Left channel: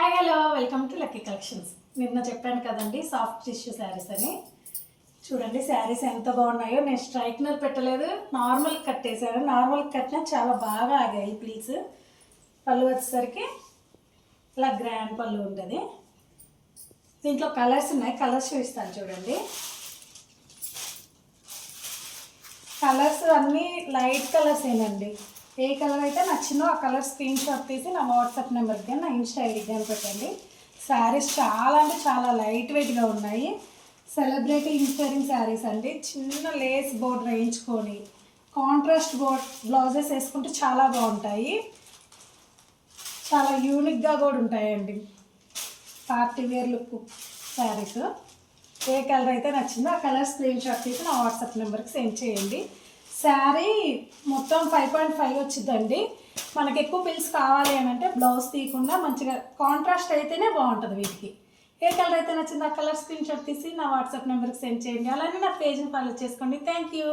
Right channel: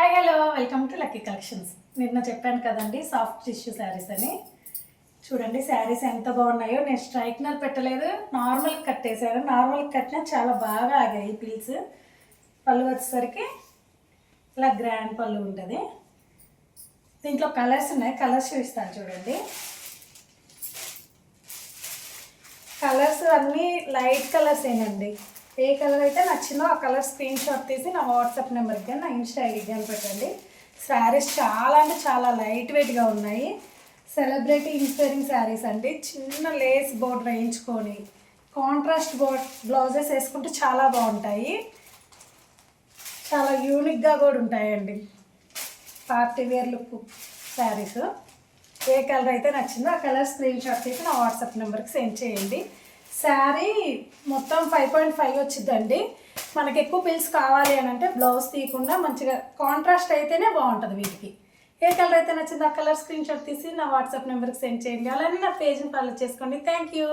Hi hello welcome to lucky collections. నిన్న చెప్పాను కదండి సాఫ్ట్ టిష్యూ శారీస్ అని. చూడండి శారీస్ ఎంత బాగున్నాయో. నేను స్ట్రైట్నర్ పెట్టలేదు, నార్మల్ కట్టేశాను. నార్మల్ కట్టినా చాలా బాగా ఆగాయి పీల్స్. పళ్ళు వచ్చేసరికి ఇలా గ్రాండ్ పళ్ళు ఉంటుంది. దీంట్లో కలర్స్ ఉన్నాయి, కలర్స్ చూపిస్తాను చూడండి. కలర్స్ అన్నీ లైట్ కలర్స్ ఏనండి. ఏ కలర్ అయితే నచ్చిందో ఆ కలర్ స్క్రీన్ షాట్ తీసి నా వాట్సాప్ నెంబర్కి కానీ నా ఇన్స్టా ఐడికి కానీ పెట్టండి. శారీస్ చాలా అంటే చాలా లైట్ వెయిట్గా ఉన్నాయి. సెలబ్రిటీ ఇన్స్పైరింగ్ శారీస్ అండి. చిన్న లేస్ బోర్డర్ వేయించుకొని కాంట్రాస్ట్ బ్లౌజెస్ వేసుకుంటే చాలా బాగుంటాయి. చాలా యూనిక్గా కూడా ఉంటాయండి. Party wear look saris. ఏ కలర్ అయితే నచ్చిందో ఆ కలర్ స్క్రీన్ షాట్ తీసి నా వాట్సాప్ నెంబర్కి సెండ్ చేయండి. శారీ మొత్తం 5.5 వచ్చిందండి. మనకి ఎక్కువ పిల్స్ కావాలి అని అంటే బ్లౌజ్ తీయకుండా మంచిగా కాంట్రాస్ట్ అయితేనే బాగుంటుంది వీటికి. ఏ కలర్ అయితే నచ్చిందో ఆ కలర్ స్క్రీన్ షాట్ తీసి నా వాట్సాప్ నెంబర్కి సెండ్ చేయండి. అలానే నా పేజ్ని ఫాలో చేసుకోండి. Thank you.